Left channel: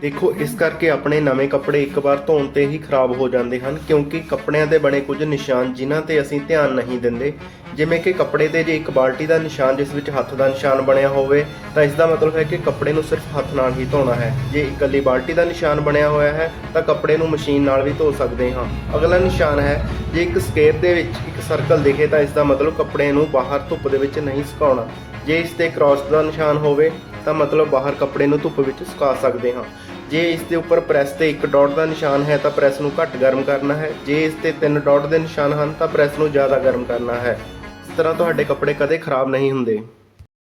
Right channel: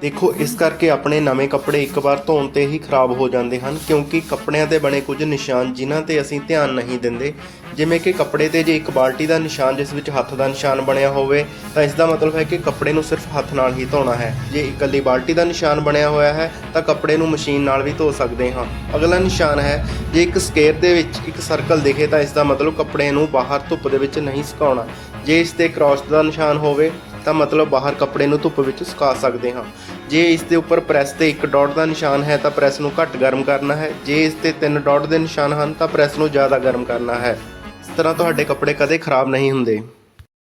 ਦੇਖੋ ਇਸ ਕਰਕੇ ਆਪਣੇ ਨਵੇਂ ਕੱਪੜੇ ਇੱਕ ਵਾਰ ਧੋਣ 'ਤੇ ਹੀ ਖਰਾਬ ਹੋ ਜਾਂਦੇ ਹਨ, ਕਿਉਂਕਿ ਕੱਪੜਿਆਂ 'ਤੇ ਬਣੇ ਕੁਝ ਨਿਸ਼ਾਨ ਜਿਨ੍ਹਾਂ 'ਤੇ ਅਸੀਂ ਧਿਆਨ ਨਹੀਂ ਦਿੰਦੇ। ਜਿਵੇਂ ਕਿ ਕੱਪੜੇ 'ਤੇ ਜੇ ਇੱਕ ਬਾਲਟੀ ਦਾ ਨਿਸ਼ਾਨ ਜਿਸ ਵਿੱਚ ਹੱਥ ਦਾ ਨਿਸ਼ਾਨ ਬਣਿਆ ਹੋਵੇ ਤਾਂ ਇਸ ਦਾ ਮਤਲਬ ਹੈ ਕਿ ਕੱਪੜੇ ਨੂੰ ਸਿਰਫ ਹੱਥ ਨਾਲ ਹੀ ਧੋਣਾ ਹੈ। ਜੇ ਇਕੱਲੀ ਬਾਲਟੀ ਦਾ ਨਿਸ਼ਾਨ ਬਣਿਆ ਹੋਇਆ ਹੈ ਤਾਂ ਕੱਪੜੇ ਨੂੰ ਮਸ਼ੀਨ ਨਾਲ ਵੀ ਧੋ ਸਕਦੇ ਹਾਂ। ਅਗਲਾ ਨਿਸ਼ਾਨ ਹੈ, ਜੇ ਇੱਕ ਸਕੇਅਰ ਦੇ ਵਿੱਚ ਇੱਕ ਸਰਕਲ ਦਿਖੇ ਤਾਂ ਇਸ ਦਾ ਮਤਲਬ ਕੱਪੜੇ ਨੂੰ ਬਾਹਰ ਧੁੱਪ ਦੇ ਵਿੱਚ ਨਹੀਂ ਸੁਕਾਉਣਾ। ਜੇ ਇਸ 'ਤੇ ਕ੍ਰਾਸ ਦਾ ਨਿਸ਼ਾਨ ਹੋਵੇ ਤਾਂ ਮਤਲਬ ਬਾਹਰ ਕੱਪੜੇ ਨੂੰ ਧੁੱਪ ਵਿੱਚ ਸੁਕਾ ਸਕਦੇ ਹਾਂ। ਜੇ ਇਸ ਦੇ ਉੱਪਰ ਪ੍ਰੈਸ 'ਤੇ ਇੱਕ ਡਾਟ ਦਾ ਨਿਸ਼ਾਨ ਹੈ ਤਾਂ ਪ੍ਰੈਸ ਨੂੰ ਘੱਟ ਗਰਮ ਕਰਨਾ ਹੈ। ਜੇ ਇਸ 'ਤੇ 3 ਡਾਟ ਦੇ ਨਿਸ਼ਾਨ ਹਨ ਤਾਂ ਪ੍ਰੈਸ ਨੂੰ ਜ਼ਿਆਦਾ ਗਰਮ ਕਰਨਾ ਹੈ। ਇਸ ਤਰ੍ਹਾਂ ਤੁਹਾਡੇ ਕੱਪੜੇ ਕਦੇ ਖਰਾਬ ਨਹੀਂ ਹੁੰਦੇ।